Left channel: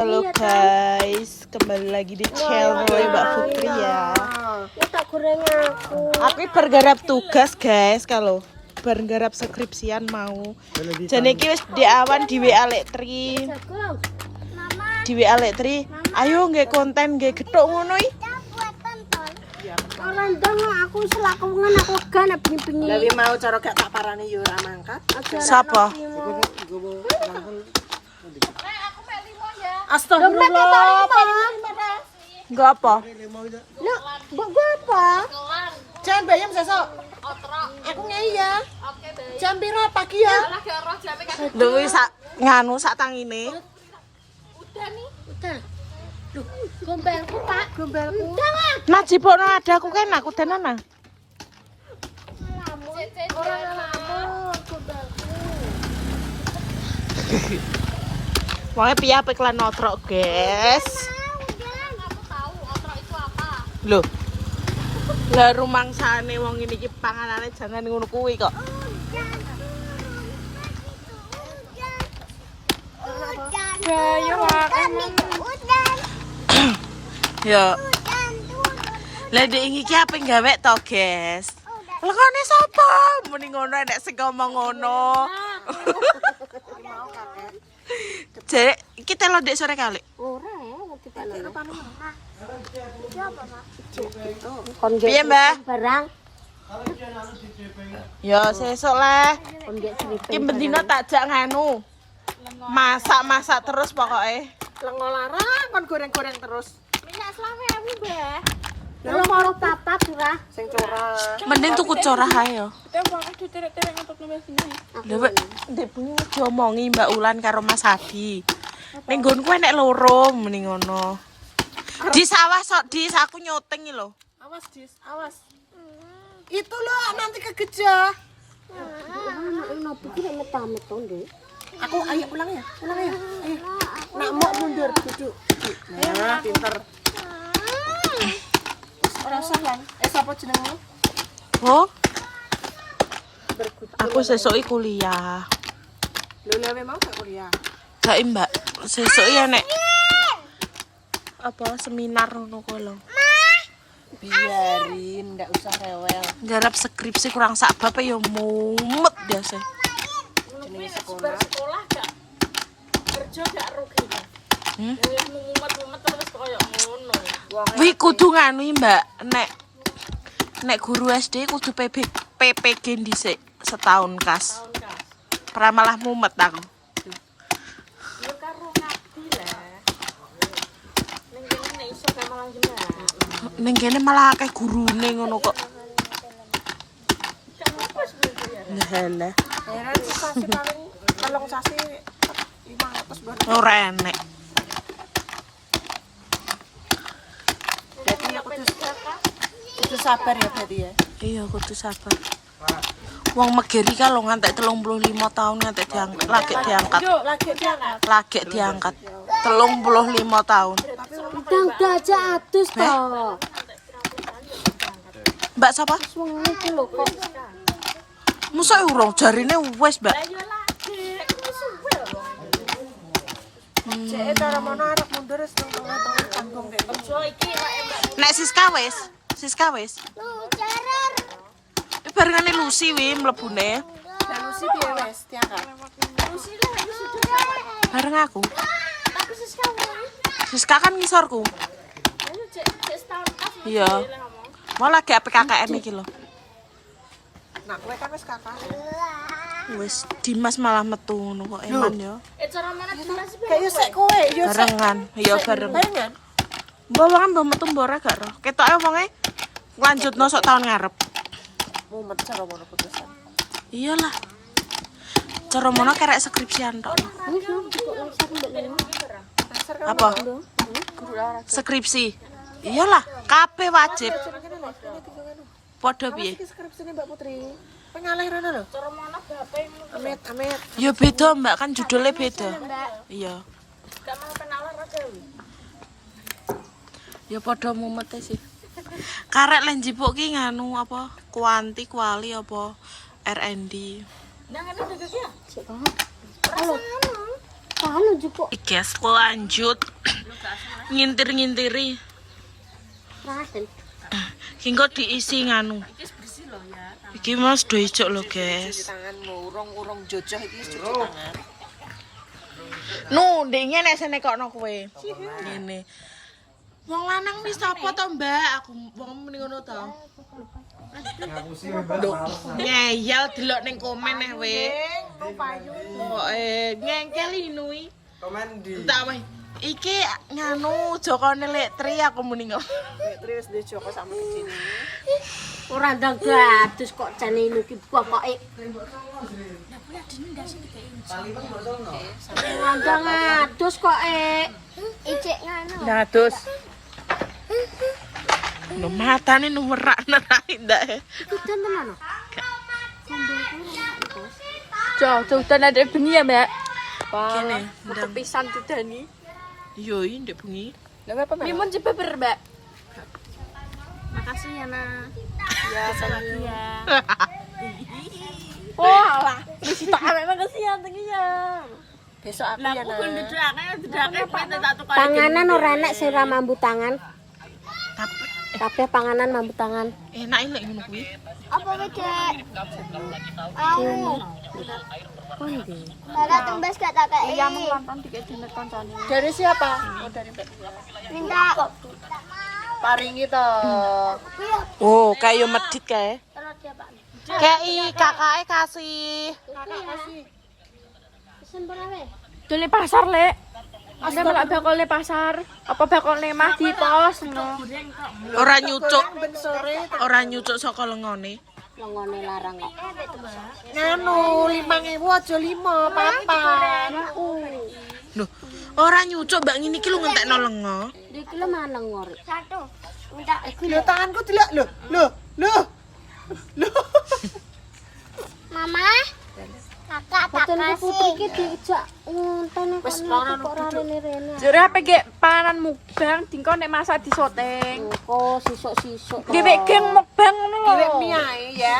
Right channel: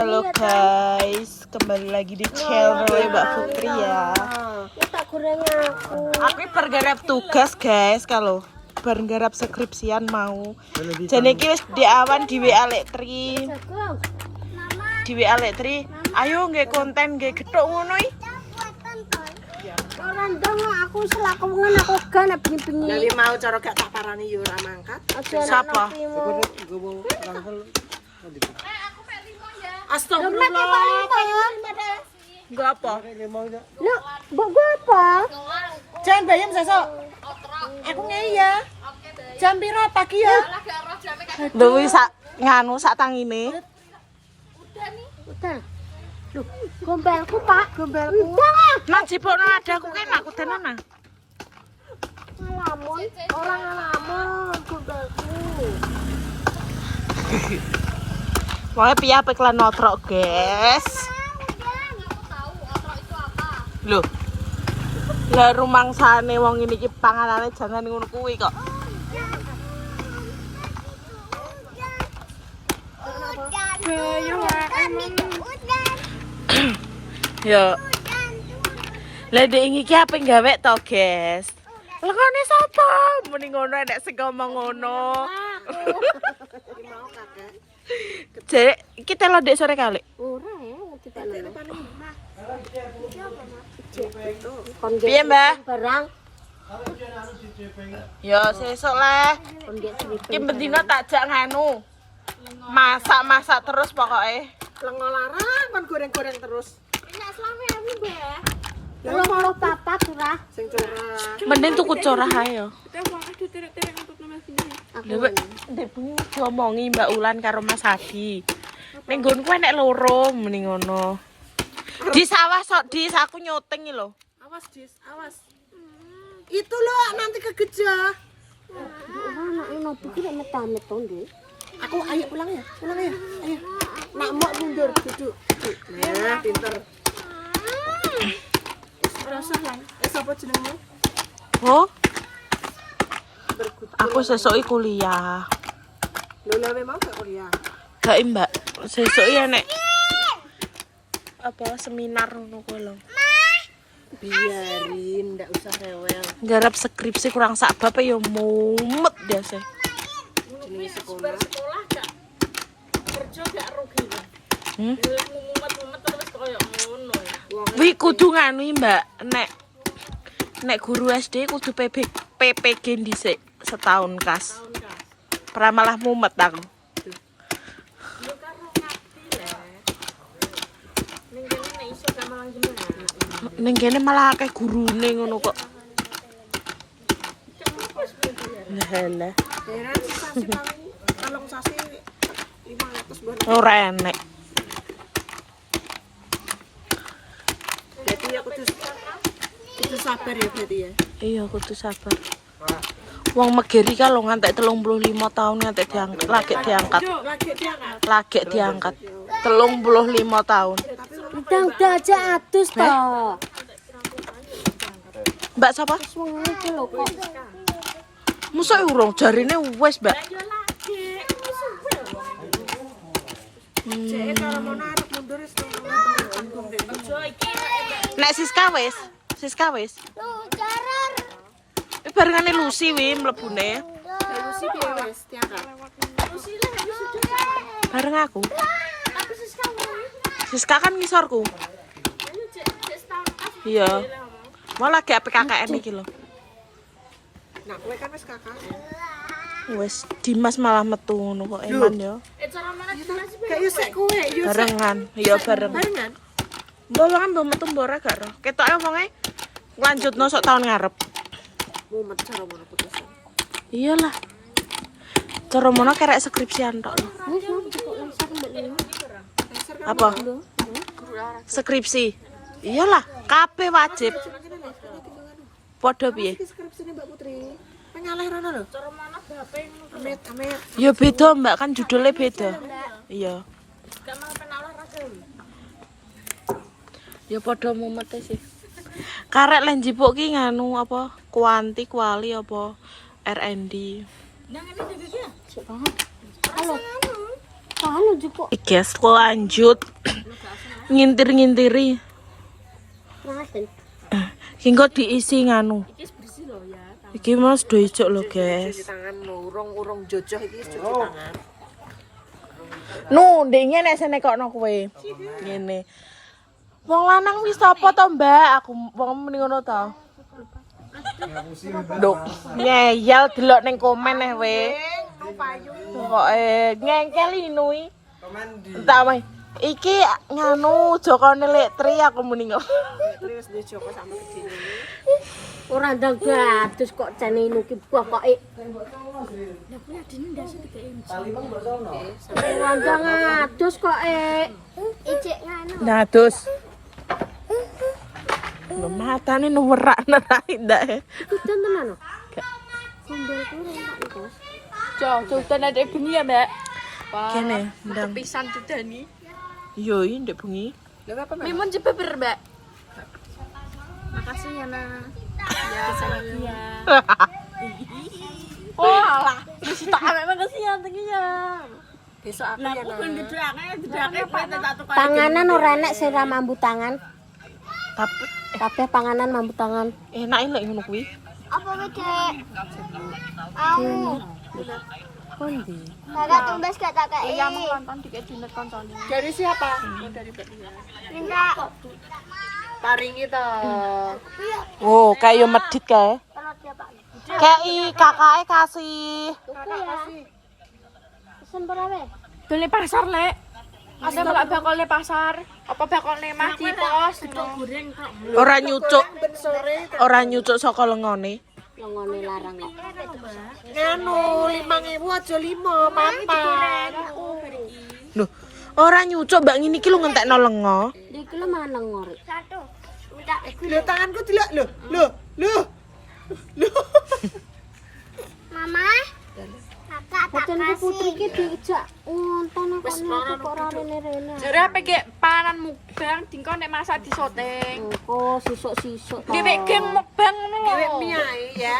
Halo guys, kembali lagi di channel Mbak Putri ya. Tak goreng aku. Aku bergarap tugas guys, kalau bergarap skripsian mau. Jadi iki wis diawan di WA Lektri. Di WA Lektri, ayo nggih konten nggih gethuk ngono iki. Orang dong aku selakungan aku gan bengi-bengi. Jadi mau cara gak tak parani yo ora mangkat. Sapa? Astagfirullah. Enggak apa? Lu bogo apa? Jangan bayam sesok. Aku ngei ya. Jam piro pagi ya? Lho wis sak nganu sak tangine. Udah. Loh, gombelku Pak, gombelku. Udah. Nah jipokno ada aku kan aku tenan. Ngelamun, orang ngelamun gombelku. Pokoknya piye apik lan otrok, guys. Aku tahu otrok itu apa. Loh. Lah rumangsane wong ini iki panganane jangan ngono kuwi kok. Ya. Lah dek iki apa gawe to, guys? Lekone sapa? Muni ngono nek sing ngomong ngono. Jadi kita lo dek sore kali. Ora ya, ngerti Pak. Iki apa, Mak? Piye, Mbak? Barang. Ya sesuk lah. Ondek cerita. Iki bendina tak jak nganu. Masak-masak terus pokoknya. Lengo larang kon goreng-goreng terus. Minyak selama ya, Mbak. Lu mau papat ora? Sing curah. Mending tuku corah ae yo. Kita mau diterek-terek untuk nomor sini. Lha ndek bunyi diomongi Mbak Ulan karo Mas Hadi. Ning nggonku enek loro mending ngono. Di sawah sok dis aku nyoteng iki lho. Awas, Dis, awas. Itu loh nanti kegejah. Anak nopo ki nek metamit to, Ndek. Aku ayo pulang ya. Ayo. Nak mau mundur duduk. Nah, pinter. Ora usah kan. Sapa jenengmu? Oh. Aku sesuk iki kuliah. Lho lewe mau gak kuliah. Gak Mbak, sesuk iki enek apa seminar ngono kuwi lho. Biarin, ndak usah rewel. Garap skripsi kurang sak bab ya mumet biasa. Jenis sekolah. Wih kudu nganu Mbak, nek guru SD kudu PPG dhisik setahun kas. Pra malah mumet aku. Ning kene malah akeh gurune ngono kok. Lah. Heran sih sasi paling kalong sasi 500 buat. Ora enek. Berarti ya kudu sabar ya berarti ya. Iya kudu sabar. Wong Megeri kalau ngantek 35 tahun ngantek diangkat, lagi diangkat. 35 tahun. Udah aja atus toh. Mbak sapa? Wong iki lho kok. Musa urung jarine wis, Mbak. Cek cara mana arep mundur wis tanggung deh. Nek Siska wis. Barengane Lucy wi mlebune. Lucy piye wis tiangkat. Bareng aku. Siska kan ngisorku. Iya. Mau lagi PKKN iki lho. Nah, kowe kan wis kakak. Wis Dimas malah metu ngono kok eman yo. Kayak yo sik kowe, yo Barengan, ya bareng. barengan. Mbok kan mbok metu mbok ora gak roh. Ketoke wonge lanjutno sok tahun ngarep. Mumet cara mana putusan. Iyalah. Cara mono kerek skripsian tok. Apa? Skripsi. Iyalah, kabeh wajib. Padha piye? Skripsine Mbak Putri. Pengalih rono lho. Cara mana Amit. Ya beda, Mbak, kan judulnya beda. Iya. Ya padha mumete sih. Karek lan jipuk ki nganu apa? Kuanti, kuali apa? R&D. Halo. Anu jupuk. Guys, lanjut ngintir-ngintiri. Raten. Sing kok diisi nganu. Iki Mas do ijok lho, guys. Tangan urung jojoh iki cuci tangan. Nu, ndek ngene sene kokno kowe. Ngene. Wong lanang wis apa to, Mbak? Aku wong muni ngono to. Nduk, ngeyel delok ning komen kowe. Pokoke nyengkel inui. Komen di. Tak wae. Iki nganu Jokone Lektri aku muni ngono. Terus di Joko sama gedine. Ora ndang gatus kok jane nuki pokoke. Ora ndang adus kok icik nganu. Dados. Lho matane nuwerak nerak ndak. Iku tenan lho. Gak. Sambelku ora entas. Jauh-jauhan ada bengi ya, Mbak. Kene ndang Pisan dudani. yo iki ndek bengi. Lah apa men? Limun coba ber, Mbak. Makasih ya, Nak. Ya, lagi ya. Oh, alah. Wis tak awake makasih ya tenginya. Besok aku Lah ya. aku pun dudake kowe tak tukar. Panganan ora enak sing ra mambu tangan. Tapi Kabeh panganan mambu tangan. enak lek ngono kuwi. Apa Dek? Kondi. Ada tumbas gak tak kayak Ya mau nonton dikek dinet koncane. Dari siapa? Dari Mbak. minta. Paringi to. Oh, kayak medit kae. Kayak kakake kasih. Pesen berapa? Dole pasar, Lek. Aku gak bakal le pasar. Apa bakal le mah di pos. Ora nyucuk. Ben sore Ora nyucuk saka lengone. Longone larang kok. nganu 5.000 aja 5 papan. Lho, ora nyucuk mbak ngene iki lho ngentekno lengo. Iki lho maneng ngori. Satu. Minta Lho tanganku dilak lho. Mama. Kakak tak putri ki dijak ngonten kok kok ora rene-rene. Jare apa gek panganan mukbang dingko nek masak disoteng. Engko sisuk-sisuk. Dhewek geng mukbang ngono lho. Dilek mie ae ya.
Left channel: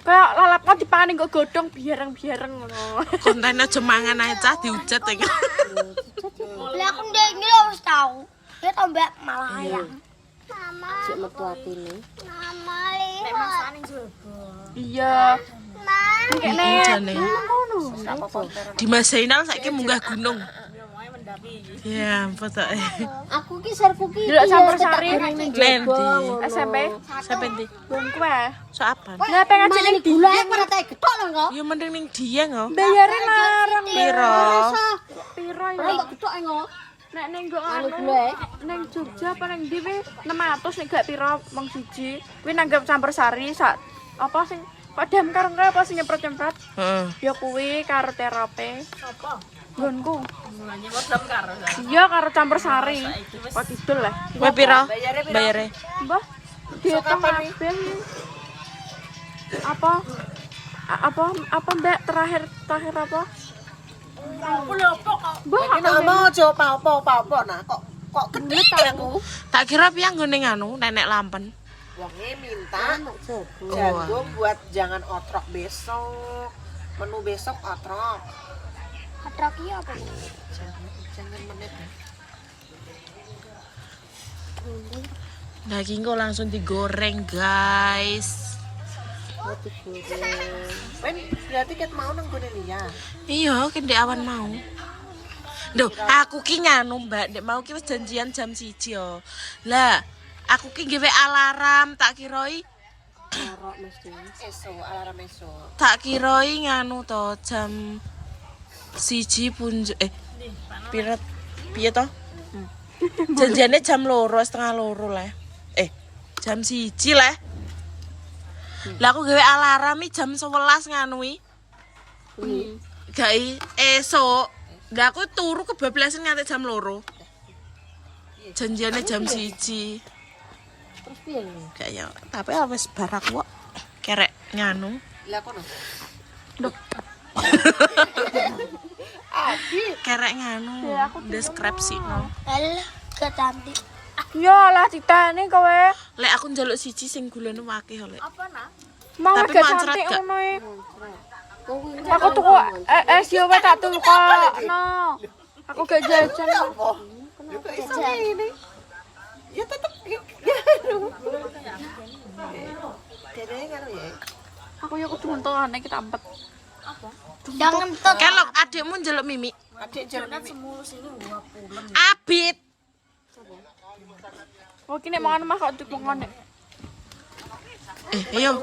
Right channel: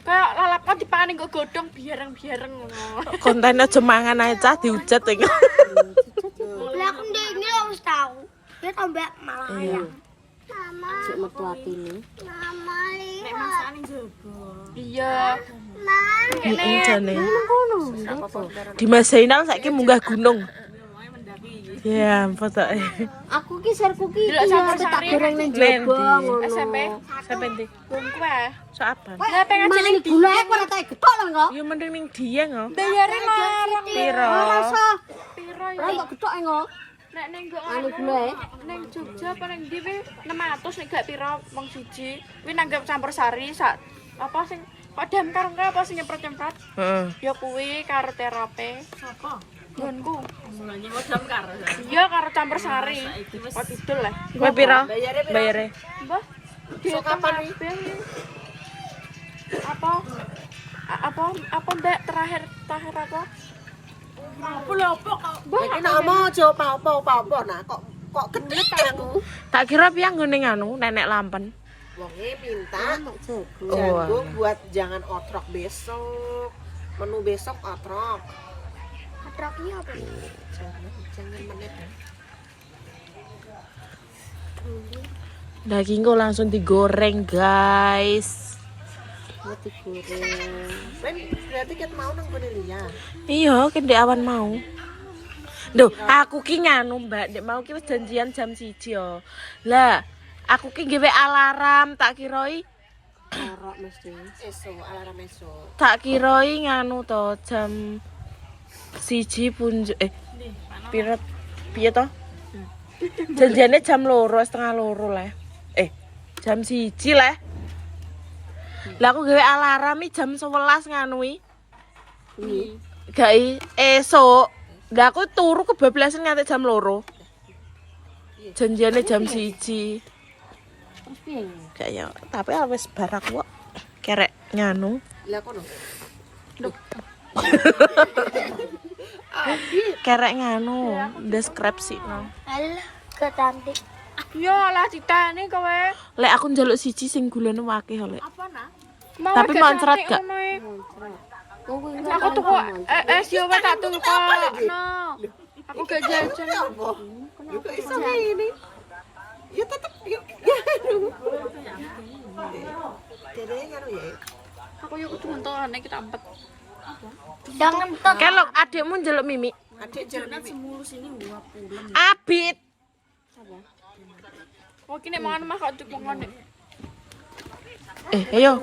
Kok lalap kok dipangani kok godhong biareng-biareng ngono. Konten aja mangan ae cah diujat iki. Lah aku ndek iki wis tau. Dia tambah malah ayam. Mama. Cek metu atine. Mama. Nek masane Iya. Jane. Ngono. Di Mas Zainal saiki munggah gunung. Ya, fotoke. Aku ki serku ki Delok ya Sambal tak Sari. goreng ning Nendi? jaba ngono. SMP. Sampe ndi? Wong kowe. So apa? Lah pengen Mas ini gula aku ora tak getok lho kok. Ya mending ning Dieng kok. bayare larang. Piro? Piro Ora tak getok kok. nek ning kok Anu gula ning Jogja apa ning ndi wi 600 nek gak piro wong siji. Kuwi nanggap campur sari sak apa sing padam karo apa sing nyemprot-nyemprot. Heeh. Ya kuwi karo terapi. Apa? Gonku. Iya karo campur sari. Kok didol lah. Kowe piro? Bayare. Mbah. Sok kapan apa? Apa Mbak terakhir apa? Aku lho kok. Iki nek mau aja apa-apa nah kok genit aku. Tak kira piye nggone nganu nenek lampen. Wonge minta jago. jago buat jangan otrok besok. Menu besok otrok. Atrak iya apa? Jangan menit. Dagingku langsung digoreng, guys. Roti goreng. Ben berarti ket mau nang gone liya. Iya, ki ndek awan mau. Duh, aku ki nganu, Mbak, ndek mau ki wis janjian jam 1 yo. Lah, aku ki nggawe alarm tak kiroi Arok mesti. Alarm esok. tak kiroi nganu to jam 1 punjuk piro piye to? Janjiane jam 2:30 lah. Jam 1 lah. Lah aku gawe alarm iki jam 11 nganui. Gai esuk. Lah aku turu kebablasan nganti jam 2. Janjiane jam 1. Terus piye? Gak ya, tapi wis bar aku kok kerek nganu. Lah kono. Kerek nganu, deskripsi no. Alah, kecantik. Ya lah ditane kowe. Lek aku njaluk siji sing gulane akeh lek. Mau Tapi gak moncret cantik gak? ngono e. Aku tuku es yo wae tak tukokno. Aku gak jajan. Kenapa ini? Ya tetep ya. Kayaknya ya. Aku yo kudu mentolane kita empet. Jangan tok. Kelok adikmu njeluk Mimi. Adik jangan semua sini 20. Abid. Oh kene mangan mah kok tukokane. Ayo.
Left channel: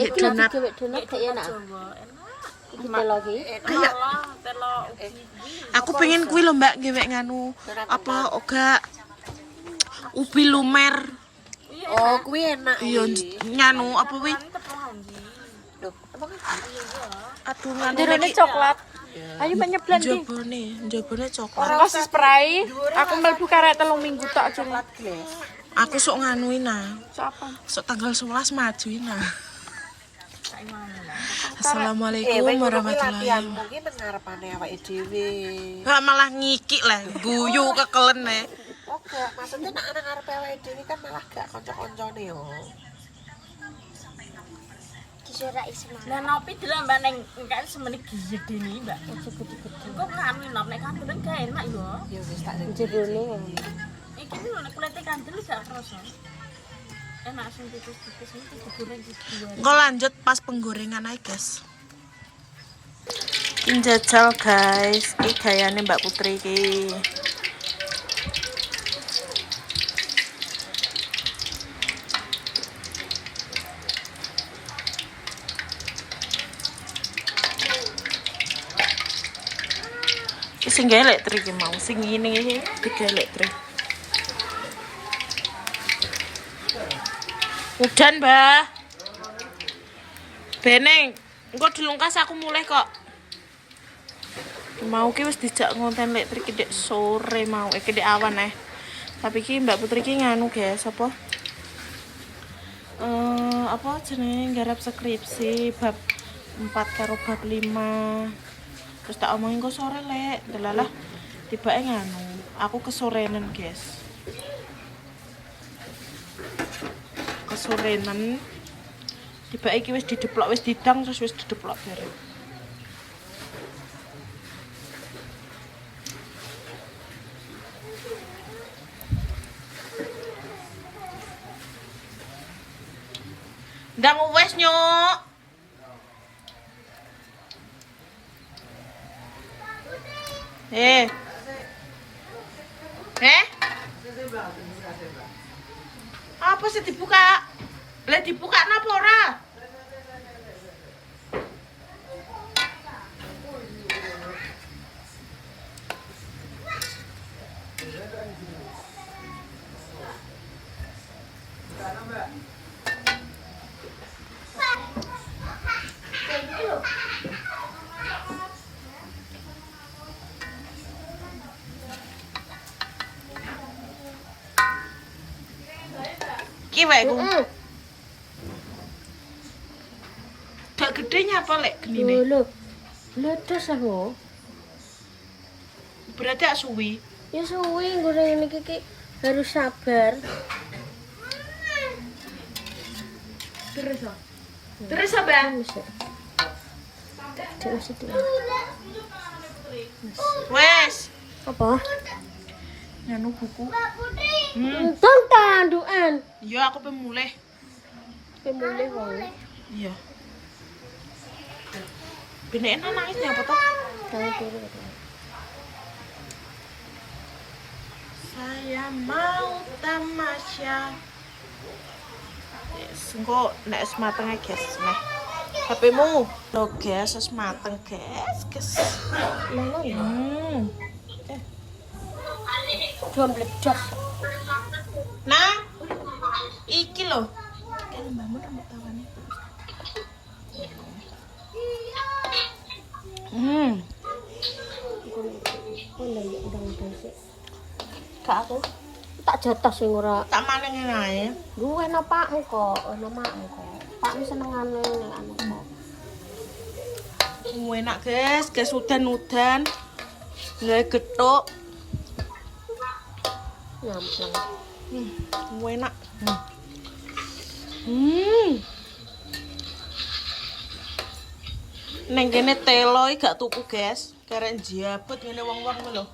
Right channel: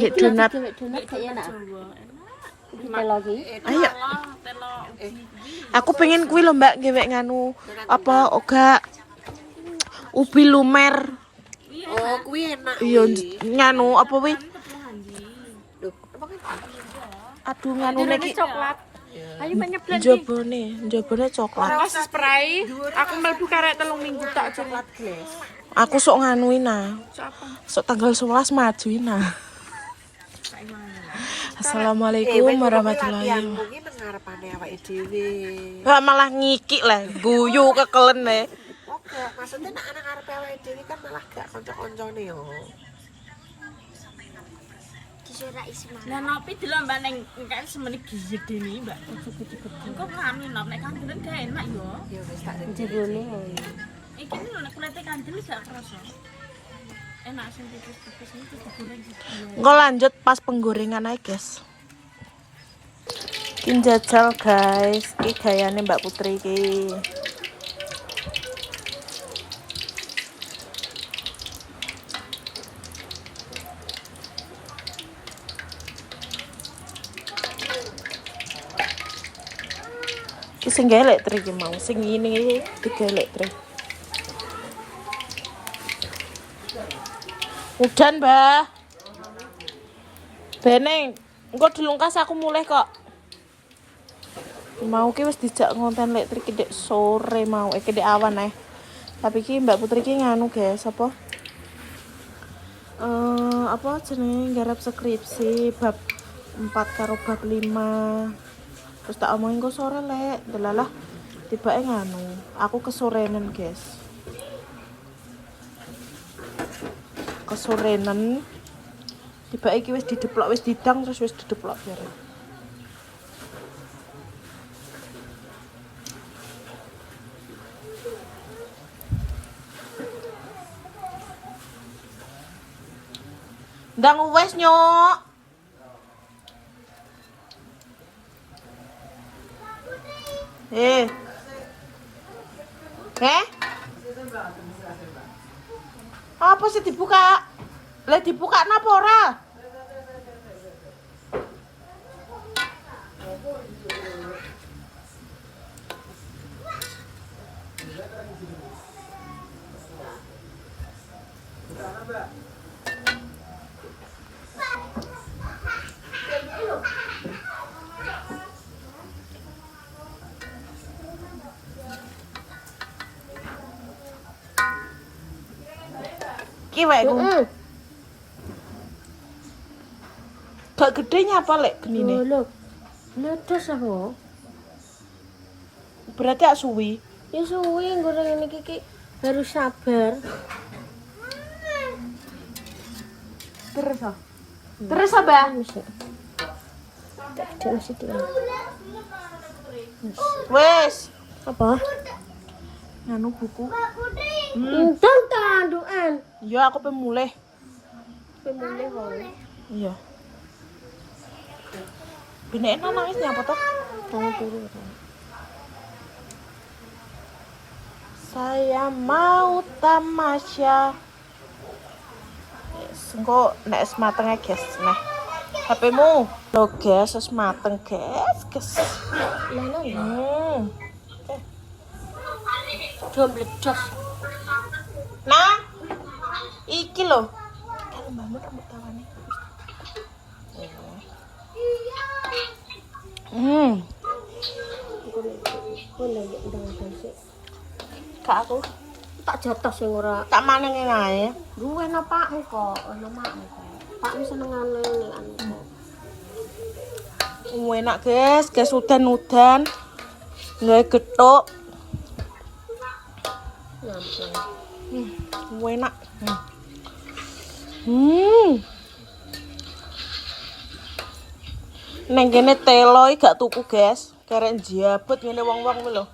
Yuk donat. Cewek donat kayak enak. Iki telo iki. Aku pengen kuwi lho Mbak gewek nganu apa oga ubi lumer. Oh, kuwi enak. Iya nganu apa wi? Aduh nganu Jerone iki coklat. Ayo penyeblan iki. njabone coklat. Aku spray, aku mlebu karek 3 minggu tok coklat. Aku sok nganuin nah. Siapa? Sok tanggal 11 majuin nah. Assalamualaikum warahmatullahi wabarakatuh. Mungkin ngarepane awake dhewe. Lah malah ngikik lah, guyu kekelen e. Oke, maksudnya nek ana ngarepe awake dhewe kan malah gak kanca-kancane yo. Disurak Isma. Lah nopi delok Mbak ning engke semene gedene Mbak. Cukup-cukup. Kok ngami nop nek kandelan gak enak yo. Ya wis tak Jerone. Iki lho nek kulite kandel gak kroso. Enak sing tipis-tipis iki digoreng gitu. Engko lanjut pas penggorengan ae, guys. Iki jajal, guys. Iki gayane Mbak Putri iki. Iki sing gelek tri iki mau, sing ngene iki digelek tri. Udan, Mbah. Beneng, engko dilungkas aku mulai kok. Mau ki wis dijak ngonten lek tri kedek sore mau, kedek awan Tapi ki Mbak Putri ki nganu, guys, apa? Apa jenenge garap skripsi bab 4 karo bab 5. Terus tak omongin kok sore lek, delalah tibake nganu. Aku kesorenan, guys. Kesorenan tiba iki wis dideplok wis didang terus wis dideplok bareng. Ndang wis nyok. Apa sih dibuka? Lah dibuka napa ora? Ki wae ku. Gak gedenya apa lek genine? Lho. Ledos aku. Berarti ak suwi. Ya suwi goreng iki harus sabar. Terus apa? Wes. Apa? Nganu buku. Entong tandukan. Iya aku pengen mulai. Pemulih wae. Iya. Beneran nangisnya apa toh? Saya mau tamasya. Yes, engko nek es mateng guys, nah. HP-mu. Loh guys, es mateng guys. Belum ledos. Nah. Iki lho. Kan mbakmu rambut tawane. Kak aku Tak jatah sing ora. tak maneng ae. Gue enak pak kok, enak mak kok. Pak ini senengane Enak guys, udan-udan. Nggak getuk. Nyampe. Enak. Neng kene telo iki gak tuku, guys. Karek njabut ngene wong-wong ku lho.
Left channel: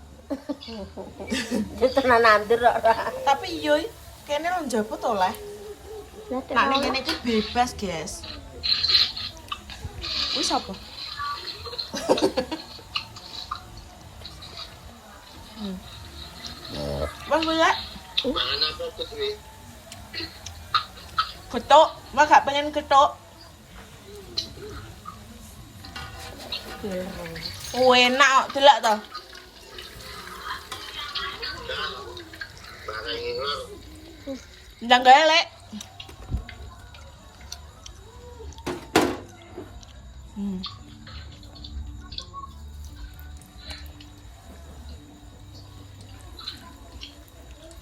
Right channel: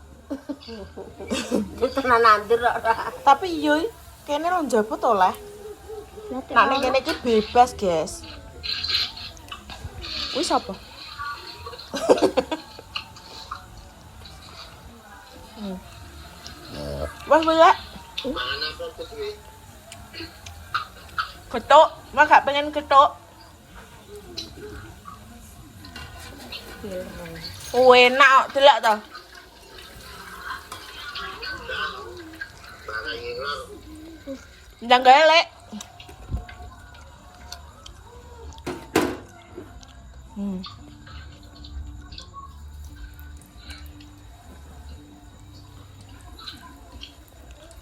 Tenan nandir kok. Tapi yo kene lo njabut oleh. Nah neng kene iki bebas, guys. Wis apa? Wes ya. Ketuk, mak gak pengen ketuk. Oh enak kok delok to. Ndang gawe lek.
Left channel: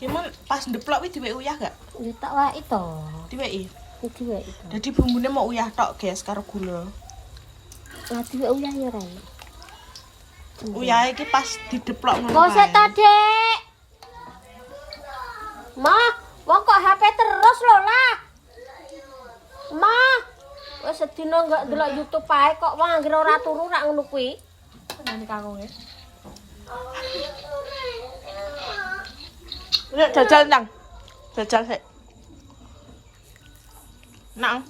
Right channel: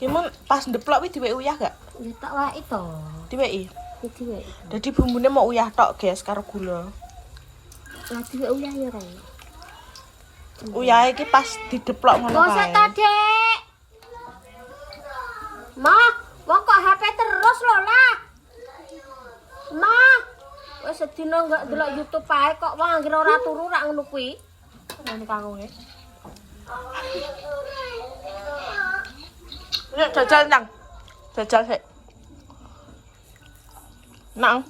Gimana pas ndeplok wi diwek uyah gak? Ya tak wae to. Diweki. Iki wae. Dadi bumbune mau uyah tok, guys, karo gula. Lah diwek uyah ya ra. Uyah iki pas dideplok ngono Kok sik ta, kae. Dik? Ma, wong kok HP terus lho lah. Ma, wis sedina enggak delok YouTube ae kok wong anggere ora turu rak ngono kuwi. Nang kangonge. Nek jajal nang. Jajal sik. Nang.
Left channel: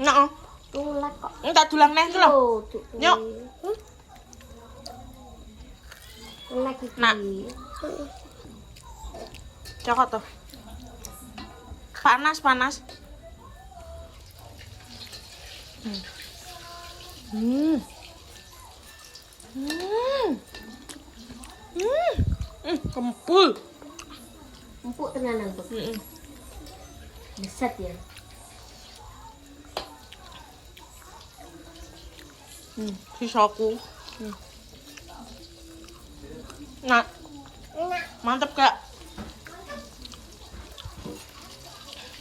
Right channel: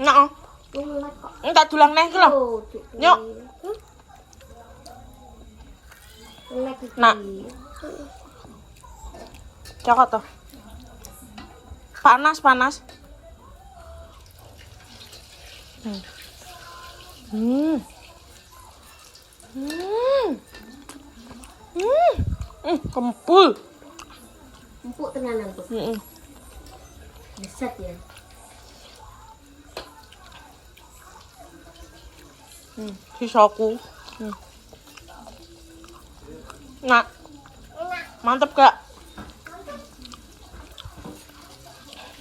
Nang. Mulai kok. Entak dulang neh iki lho. Nyok. Nek iki. Nak. Cokot to. Panas, panas. Kempul. Empuk tenan empuk. Beset ya. Sisaku. Nah. Mantep gak?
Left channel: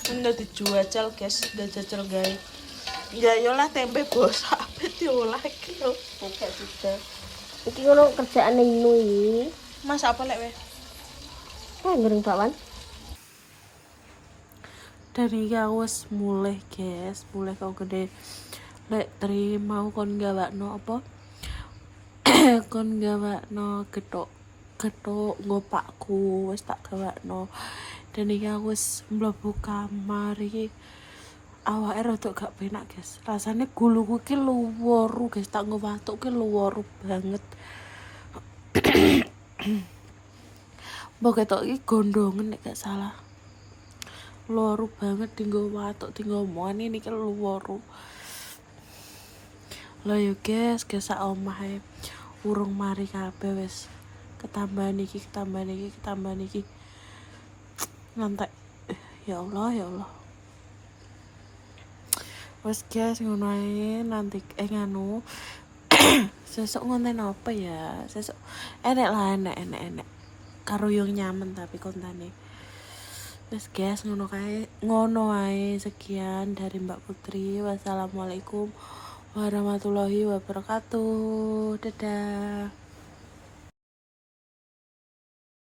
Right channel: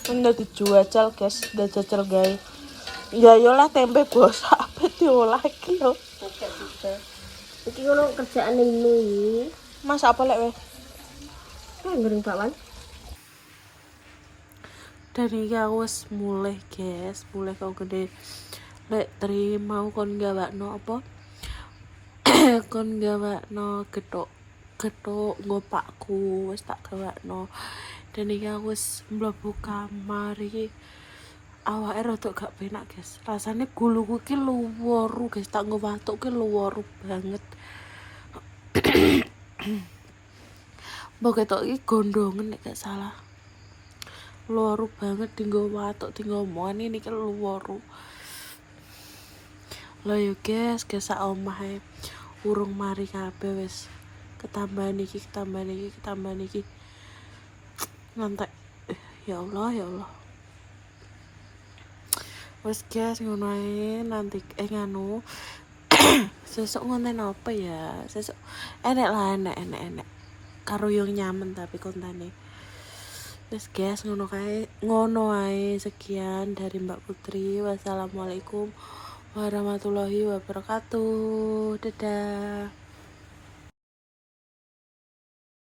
Udah dijual guys, udah jajal guys. Ya yolah tempe bos apa diolah iki yo. Iki ngono kerjaan ini. Mas apa lek weh? Kan ngering kawan. Dan iki aku wis mulai guys, mulai kau gede. Lek terima kon gawakno apa? Kon gawakno getok ngopakku wis tak gawakno. Dan iki aku wis mlebu kamar iki. Awake rada gak penak, guys. Rasane guluku ki luworu, guys. Tak nggo watuk ki luworu banget. Mbok ketok iki gondongen nek gak salah. Luworu banget tinggo watuk, tinggo omongan ini ki luworu. Lah yo guys, sak omahe urung mari kabeh wis. Ketambahan iki. Ngantek. Ya Allah, ya Allah. Wes guys ngono ae nanti nganu sesuk ngonten apa ya? Sesuk enek lah enek. Karo yang nyaman tapi kontane. Wes guys ngono ae sekian dari Mbak Putri. Wassalamualaikum warahmatullahi wabarakatuh. Dadah.